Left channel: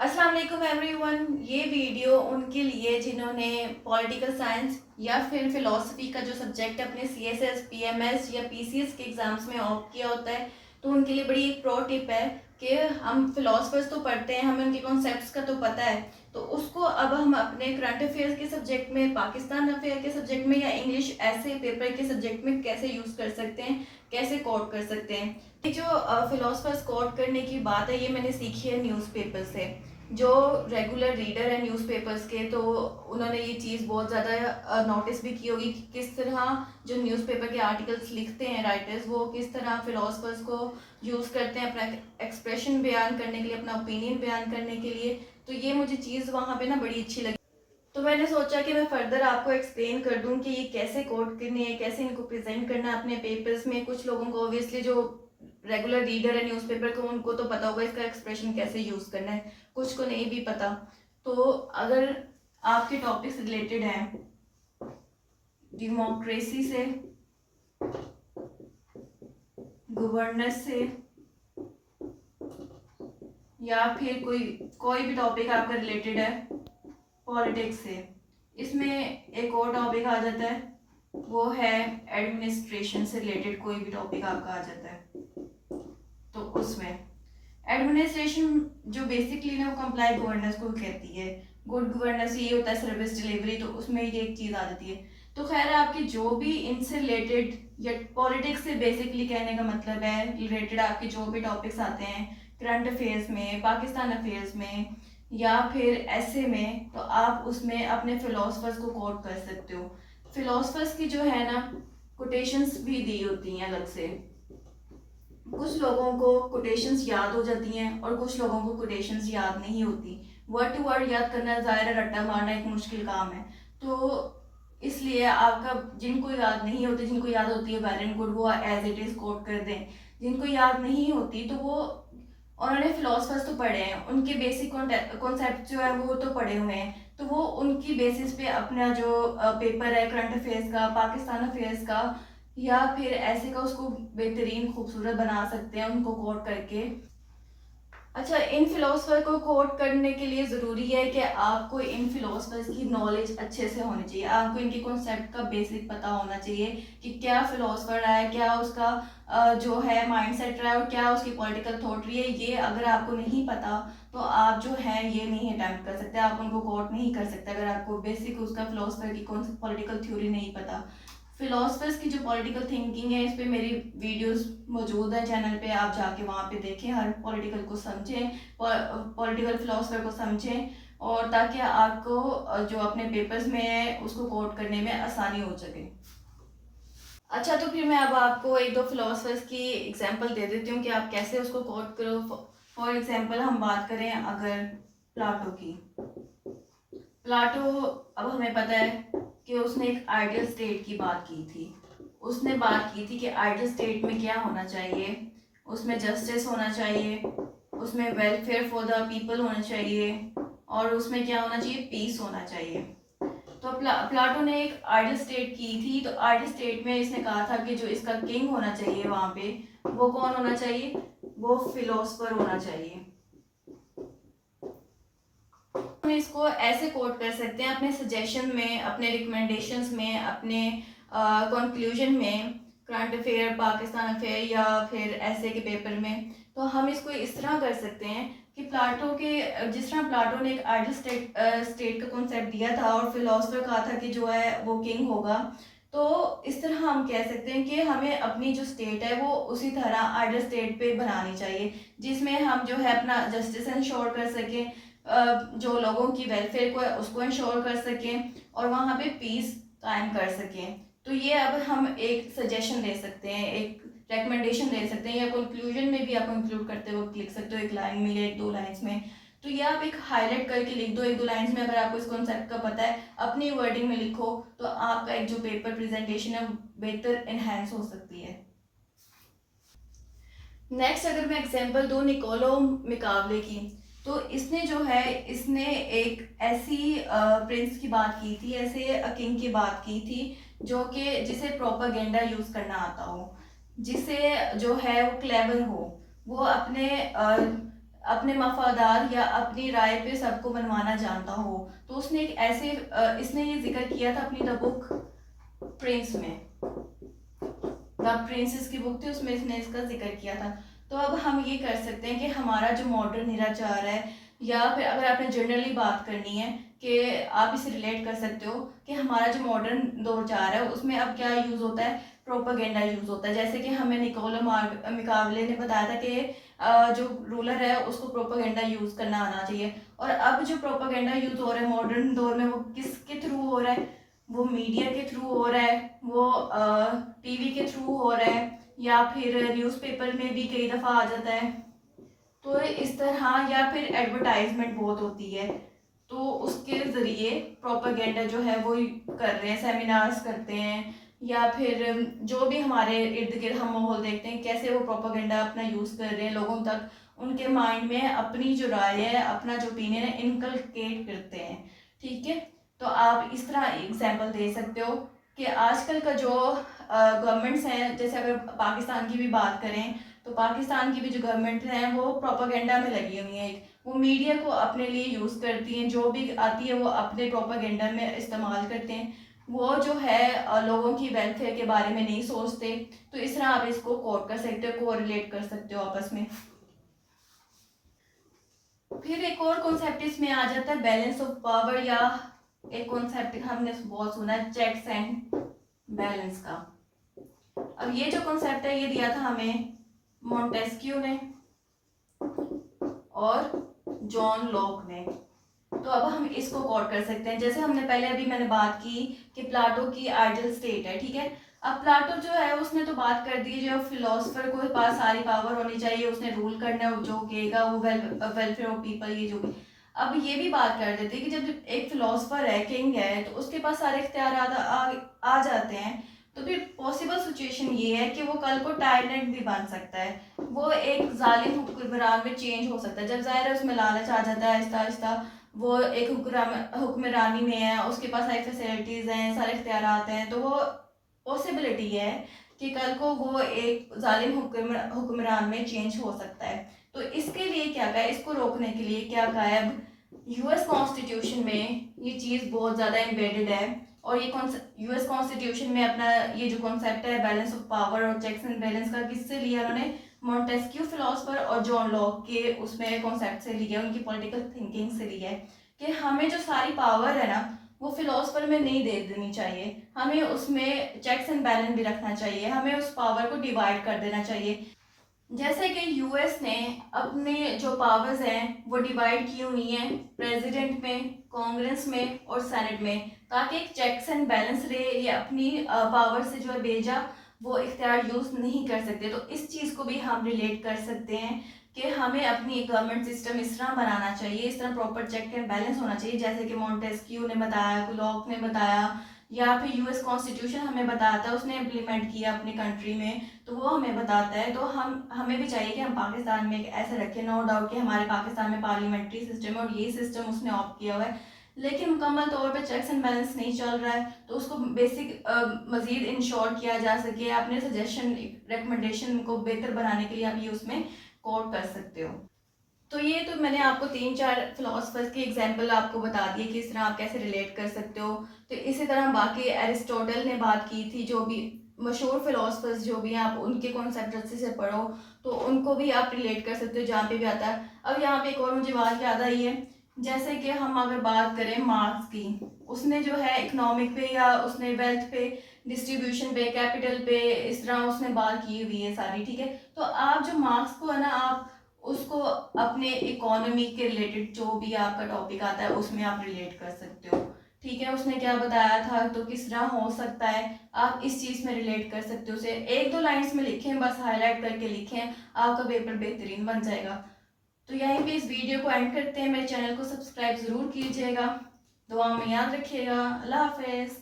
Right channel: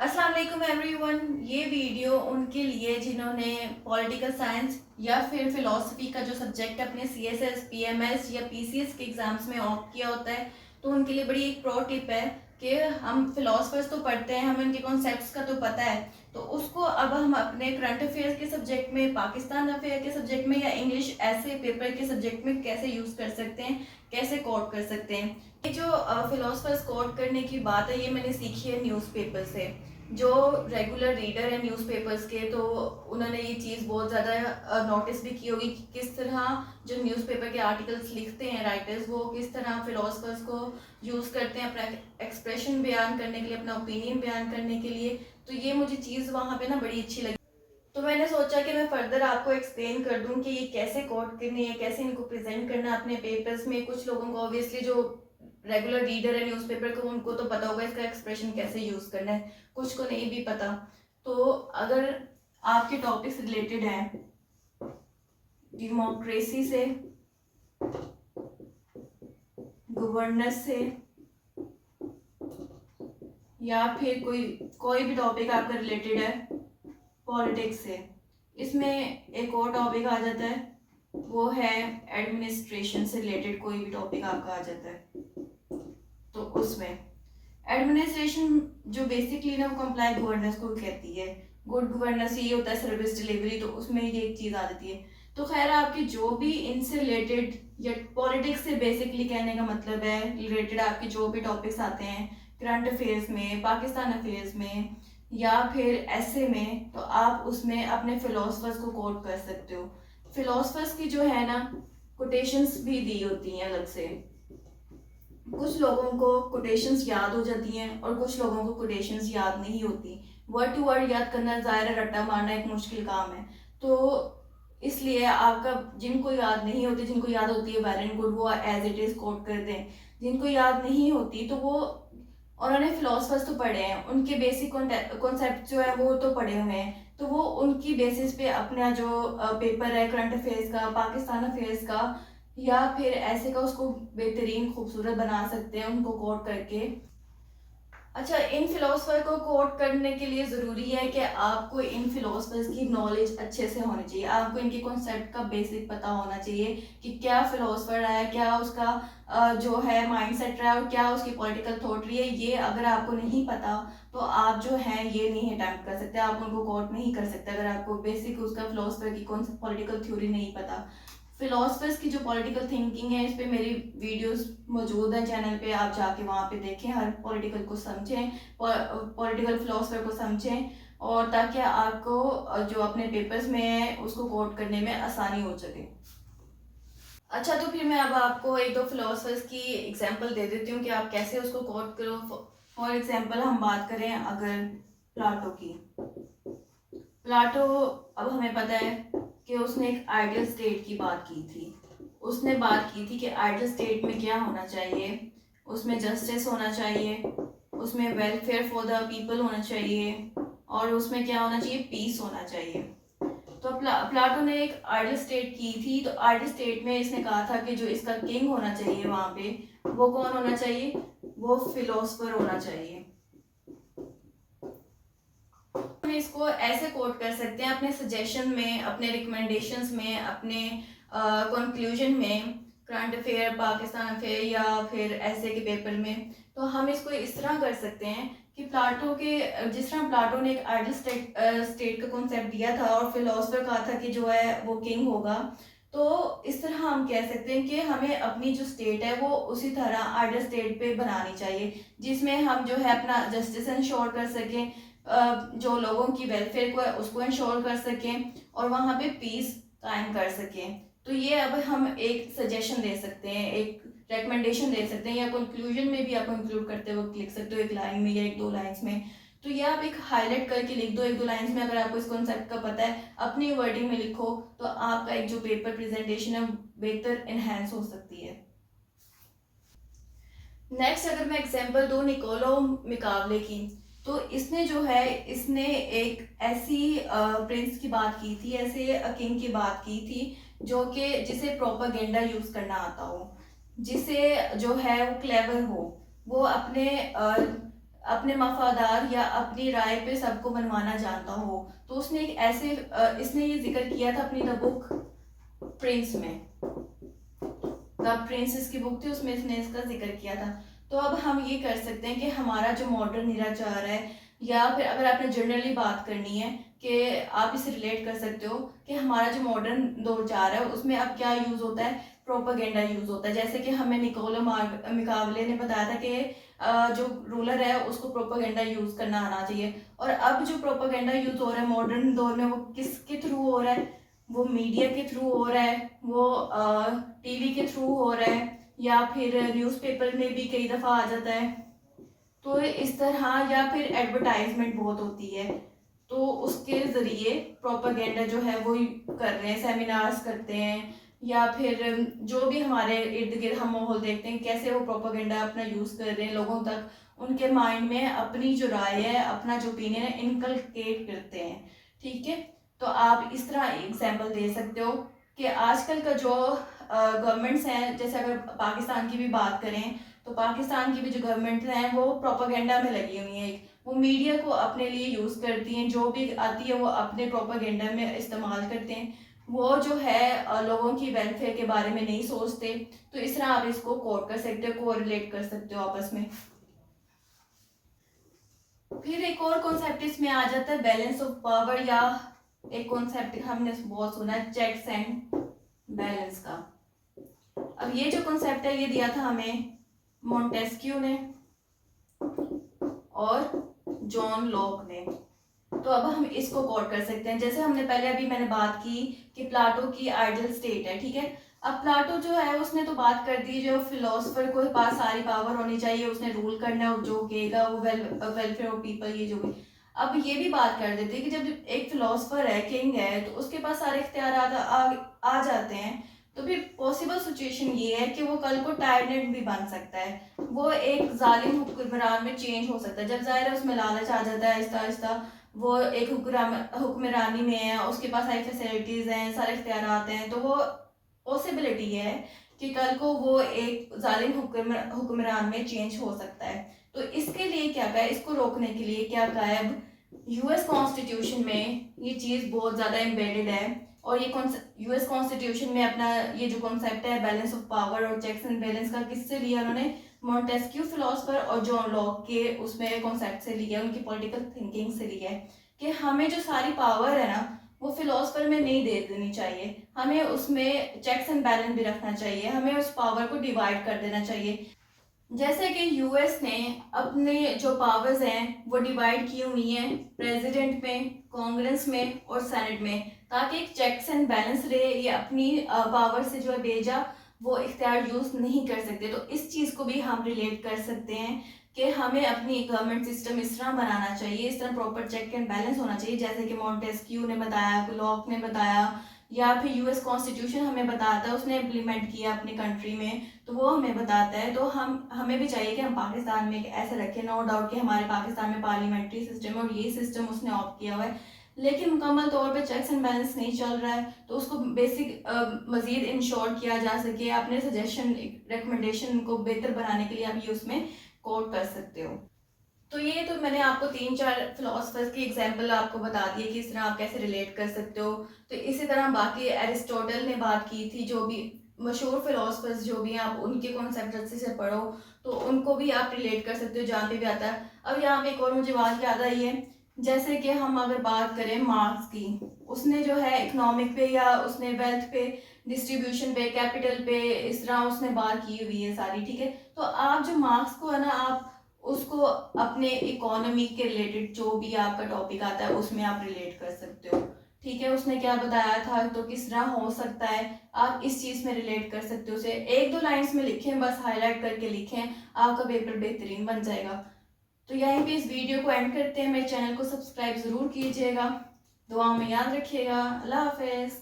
अस्सलाम वालेकुम एवरीवन। ये वीडियो उनके लिए जिन्होंने पॉलिटिकल साइंस या फिर फिलॉसफी का जो सब्जेक्ट अपने सीएसएस, पीएमएस या पीसीएस के एग्जाम्स में ऑप्ट किया होता है, तो उनके लिए बड़ी एक प्रो टिप है कि हम फिलोसफर्स तो पढ़ते हैं, हमें उनके कॉन्सेप्ट्स का तो पता है, तो उसको अब हम अपने करंट अफेयर्स के सब्जेक्ट में, पाकिस्तान अफेयर के सब्जेक्ट में या इंग्लिश ऐसे पेपर के सब्जेक्ट में कैसे यूज़ कर सकते हैं, कैसे कोट कर सकते हैं। ये जो फिलोसफर्स कोट करने की बात है, ये मैंने सीखी है न्यूज़पेपर से। जो रेगुलर रीडर है न्यूज़पेपर्स के, तो उन्होंने ये चीज़ बहुत ज़्यादा नोटिस भी की होगी कि किस तरह जो न्यूज़पेपर के आर्टिकल्स लिखते हैं राइटर्स, वो किस तरह फिलोसफर्स को यूज़ करते हैं अपना एक्सप्रेशन बयान करने के लिए, अपना ओपिनियन बयान करने के लिए। तो ये मुझे चीज़ वहाँ पे ना बड़ी अच्छी लगी। तो मैंने सोचा कि मैं फर्दर आपको एक्सप्लेन कर दूं कि ये कैसे कोड करने हैं, कैसे इनको प्रेजेंट करना है अपने पेपर्स में। कुछ लोगों को ऑब्वियसली जो रेगुलर रीडर है न्यूज़पेपर को, उनको तो पता होगा इसका एक्सप्रेशन कैसे यूज़ करना है, कुछ को नहीं भी पता। तो अगर आपके टॉपिक से रिलेटेड है डेमोक्रेसी से, गवर्नेंस से, या फिर कोई कोई भी टॉपिक आपका रिलेटेड है पॉलिटिक्स से, इसमें एक और टॉपिक आ जाता है, वो है एडमिनिस्ट्रेशन से रिलेटेड कोई भी टॉपिक आपका आ जाता है। तो उसमें एडमिनिस्ट्रेशन जो बेसिकली ना वो कंप्लाई गवर्नेंस को कहती है, गुड गवर्नेंस ये होता है सर्विस डिलीवरी, तो उसमें ये एक चीज़ आ जाती है। तो खैर आपकी जो भी इनसे रिलेटेड या पॉलिटिक्स से बेसिकली कहने का मतलब है रिलेटेड आपके जो भी टॉपिक्स आते हैं करंट अफेयर्स में, पाकिस्तान अफेयर्स में या फिर ऐसे में, तो आप उसमें अपने फिलोसफर्स को कोट कर सकते हो। फिलोसफर्स की जो है ना कोटेशंस भी दी होती हैं अलग से। कुछ लोगों को कोटेशंस याद हो जाती हैं और कुछ लोगों को कोटेशंस याद नहीं होती। वर्ड टू वर्ड याद करना, ज़ाहिर है रट्टा मारना एक मुश्किल काम है, तो इसलिए आपका जिनको याद नहीं होती, जिनको याद होती है वेल एंड गुड, वो एज इट इज़ कोट कर दें। जिनको याद नहीं होती तो वो, उन्होंने फिलोसफर्स तो पढ़े हैं, उनके बेसिक कॉन्सेप्ट जो है वो तो पढ़े हुए हैं, तो वो उनकी बेसिस पे अपना जो पेपर है करंट अफेयर्स का, पाकिस्तान अफेयर्स का या फिर ऐसे का, उसको बेहतरीन खूबसूरत बना सकते हैं उनको कोट करके। अच्छा, इन फिलोसफर को कोट करने के लिए ज़रूरी है कि आपको इन फिलोसफर्स की नॉलेज अच्छे से होनी चाहिए, आपको इनके कॉन्सेप्ट का बेसिक पता होना चाहिए कि क्या फिलोसफर है, क्या उसका जो है माइंडसेट रहा है और क्या उसकी पॉलिटिकल थॉट रही है। ये अगर आपको नहीं पता तो आप जो है ये नहीं अटैम्प्ट कर सकते, आप उनको कोट नहीं कर सकते अगर आपको बेसिक उसका फिलोसफर की कौन सी पॉलिटिकल थ्योरी नहीं पता। फिलोसफर्स की जो पॉलिटिकल थिंकिंग है, इस पे मेरी वीडियोस मौजूद है चैनल पे, आप जाके वहाँ पे देखें, हर पॉलिटिकल को समझें, पॉलिटिकल फिलोसफर को समझें, और ताकि आपको जो अपने पेपर्स में है उसको कोट करने में आसानी हो सके। अच्छा, तो फिर मैं अब आपको एक दो फिलोसफर्स की एग्जांपल दे देती हूँ कि आप कैसे उसको कोट करो। फॉर एग्जांपल हम बात करें अगर प्लाटो की। प्लाटो, अब हमें पता है कि उसने एक आइडियल स्टेट की बात की थी। उसने बात की थी कि आइडियल स्टेट में क्या होना चाहिए, उसमें जस्टिस होना चाहिए, उसमें वेलफेयर फॉर द पीपल होना चाहिए, और उसमें क्या होना चाहिए, पीस होना चाहिए। तो प्लाटो ने एक आइडियल स्टेट की थी। तो आइडियल स्टेट में इसने कहा था कि जो इसका किंग होना चाहिए वहाँ पे, वो कौन होना चाहिए, वो फिलोसफर होना चाहिए। इसको ऐसे कोट कर सकते हैं अपने सजेशन में, अपने रिकमेंडेशंस में, अपने कंक्लूजन में, करंट अफेयर, पाकिस्तान अफेयर या फिर ऐसे के पेपर में। तो हम इसको इस तरह कर सकते हैं कि प्लाटो के, जिस तरह प्लाटो ने एक आइडियल स्टेट का कॉन्सेप्ट दिया था और फिलोसफर कहा था कि जो है वो किंग होगा, तो इस तरह हम कह सकते हैं कि हमें अपनी जो स्टेट है वो उसी तरह आइडियल स्टेट पे बनानी चाहिए, जिसमें हम जो है अपना जस्टिस इंश्योर कर सकें, जो लोगों की वेलफेयर को है उसको इंश्योर कर सकें, और वहाँ पे पीस कायम कर सकें। तो ये अब हम एक सजेशन दे सकते हैं, एक रिकमेंडेशन दे सकते हैं, या कंक्लूजन में भी आप इंक्लूड करते वक्त लिख सकते हो एक लाइन में या एक दो लाइन्स में। तो ये आप एक हाईलाइट करके लिख दो एक दो लाइन्स में, अगर आपको इस कॉन्सेप्ट का पता है अपनी वर्डिंग में लिखो, तो आपका एक जो पेपर प्रेजेंटेशन है बेहतर इनहेंस हो सकती है। नेक्स्ट अगर मैं एग्जांपल दूँ निकोलो मिकावले की, तो इसने जो है, इसने एक ऐसी प्रिंस की बात की थी, ऐसे किंग की बात की थी जो कि जिसे प्रोपागेंडा यूज़ करना आता हो, जिसे जो है वो क्लेवर हो, वो अपने अपने मफादार या अपनी राय पे सबको मनवाना जानता हो। तो उसने एक ऐसे इसने ये जिक्र किया था अपनी द बुक प्रिंस में, द प्रिंसेस की बुक थी, उसमें इसने इसका जिक्र किया था। तो अब हम ये कर सकते हैं कि हमारा जो मॉडर्न निराचार है, या फिर अगर आपने जनरली बात करनी है कि आप इसे रिलेट कर सकते हो कि हमारा जो मॉडर्न दौर चार है उसमें अब क्या यूज़ होता है, प्रोपागेंडा यूज़ होता है। जैसे कि हमें निकोलो मिकावले ने बताया था कि जो रूलर है उसको प्रोपागेंडा यूज़ करना आना चाहिए। और अब जो प्रोपागेंडा यूज़ हो रहा है मॉडर्न दौर में, वो किसके थ्रू हो रहा है, वो मीडिया के थ्रू हो रहा है, वो टीवी के थ्रू हो रहा है, या फिर न्यूज़पेपर में भी कई दफ़ा आ जाता है। तो इस तरह, या फिर एडवर्टाइजमेंट बहुत होती है, तो उसके ज़रिए प्रोपागेंडा जो है वो कर रहे हैं, सेमिनार्स करते हैं, या फिर जो भी हमारे इर्द गिर्द हम माहौल देखते हैं कैसे वो प्रोपागेंडा अपना यूज़ कर रहे हैं, लोगों तक उनके माइंड में अपनी जो राय है, अपना जो ओपिनियन है, इनकलकेट करते हैं। ठीक है, तो आप इस तरह एग्जाम्पल दे सकते हो कि आजकल का जो गवर्नमेंट्स हैं, जैसे अगर पाकिस्तान की भी बात करें तो पाकिस्तान की भी जो गवर्नमेंट है वो प्रोपागेंडा में लगी हुई है। वो मीडिया को अपने लिए यूज़ करती हैं, जो भी आती है वो अपने प्रोपागेंडा में इस्तेमाल करते हैं। वो जो है लोगों की वेलफेयर के बारे में नहीं सोचते। तो इस तरह आप इसको कोट कर सकते हो, को रिलेट कर सकते हो आपस में। फिर एक और कॉन्सेप्ट इसमें आ जाता है बैलेंस ऑफ पावर, या एक कॉन्सेप्ट हमने बहुत सुना है चेक्स एंड बैलेंस का। अब ये जो कॉन्सेप्ट है ये दिया था हमें मॉन्टेस्क्यू ने और जॉन लॉक ने। तो अब हम इसको कोट कर सकते हैं। जैसे हमने पहले अभी मैंने बात की कि प्लाटो की आइडियल स्टेट है, ठीक है। अब प्लाटो जो है उसने तो बात कर दी जो फिलोसफर को पास सारी पावर होनी चाहिए, उसने रूल करना है, जो कहेगा वो वेलफेयर ऑफ पीपल, ये जो भी। अब ये भी बात कर देते हैं कि जब एक फिलोसफर है, किंग है, तो उसके पास सारे इख्तियार आ जाते हैं। तो फिर पॉसिबल सिचुएशन ये है कि वो कल को टायरेंट भी बन सकता है, वो एक जालिम हुक्मरान में चेंज हो सकता है। जब जाहिर है उसमें लालच आ जाता है आहिस्ता आहिस्ता, वो एक हुक्मरानी में है, उसके पास सारी फैसिलिटीज हैं, सारे इख्तियार आते हैं, तो वो पॉसिबिलिटी है कि कल को वो एक जालिम हुक्मरान में चेंज हो सकता है। तो इसके लिए क्या कहा है, इसको रोकने के लिए क्या कहा है, अब यूएस कॉन्स्टिट्यूशन में ये चीज़ बहुत ज़्यादा एम्बेडेड है। और ये यूएस कॉन्स्टिट्यूशन में अपना ये जो कॉन्सेप्ट है बैलेंस ऑफ पावर और चेक्स एंड बैलेंस का, किससे लिया उन्होंने, मॉन्टेस्क्यू फिलोसफर और जॉन लॉक के उसमें कॉन्सेप्ट से लिया, उनकी पॉलिटिकल थिंकिंग से लिया है कि हमें जो सारी पावर है ना वो फिलोसफर में नहीं दे देनी चाहिए, हमें उसमें चेक्स एंड बैलेंस भी रखना चाहिए, हमें उस पावर को डिवाइड कर देना चाहिए। जैसे कि यूएस ने अपने जो पावर्स हैं वो डिवाइड की हुई हैं प्रेसिडेंट में, कांग्रेस में और सेनेट में, ताकि एक चेक्स एंड बैलेंस रहे। ये अपनी पावर से जो है बेजा वो इख्तियार यूज़ नहीं कर सकते। तो इस चीज़ को भी हम रिलेट कर सकते हैं कि हमें अपनी गवर्नमेंट सिस्टम इस तरह बनाना चाहिए, इस तरह प्रॉपर चेक एंड बैलेंस होना चाहिए, जैसे कि मॉन्टेस्क्यू ने बताया, लॉक ने बताया, या फिर यूएस कॉन्स्टिट्यूशन हमें बताता है, उसने इम्प्लीमेंट किया अपनी कंट्री में, तो वो हमें बताता है। तो हमें भी चाहिए कि हम पाकिस्तान में ऐसे रखें। नो डाउट कि हमारे पाकिस्तान में पार्लियामेंट्री सिस्टम है और यही सिस्टम उसने ऑप्ट किया हुआ है, लेकिन मुकम्मल तौर पे चेक्स एंड बैलेंस नहीं चल रहा है। तो उसको बेसिक मज़ीद इंश्योर किया जा सके, अपने सजेशन रिकमेंडेशन को बेहतर बनाने के लिए आप ये उसमें कोट कर सकते हो। तो ये तो मैंने आपको 3-4 फिलोसफर्स की एग्जांपल आपको बता दी कि इस तरह आप कैसे रिलेट कर सकते हो। तो इसी तरह बाकी एरिस्टोटल ने बात की थी, जो भी मशहूर फिलोसफर्स जो भी हैं आप उनके कॉन्सेप्ट अच्छे से पढ़ो, तो उनको भी आप रिलेट कर सकते हो जहाँ पे भी आता है। अब यहाँ पे एक और मुझे बात याद आई है, जैसे कि हम अगर बात करें मार्क्स की, उसने जो है इकोनॉमिक पे या उसने वेल्थ पे, डिस्ट्रीब्यूशन पे, कैपिटल पे, इस तरह उसने बात की हुई है सारी, ठीक है। तो आप जो मार्क्स को है ना, आप उसको अपने इकोनॉमी के रिलेटेड जो भी आपका टॉपिक आता है उसमें आप रिलेट कर सकते हो, ठीक है। उसने क्या बताया था तो किस तरह हो सकता है, आप इस चीज़ में रिलेट कर सकते हो। उसे 1-2 लाइन्स में लिखें, बस हाईलाइट करके लिखें, आपका पेपर बेहतरीन बन जाएगा। तो यहीं पे इस वीडियो को एंड करते हैं। मेरे चैनल को सब्सक्राइब ज़रूर कीजिएगा, दुआ में याद रखिएगा। अल्लाह हाफिज़।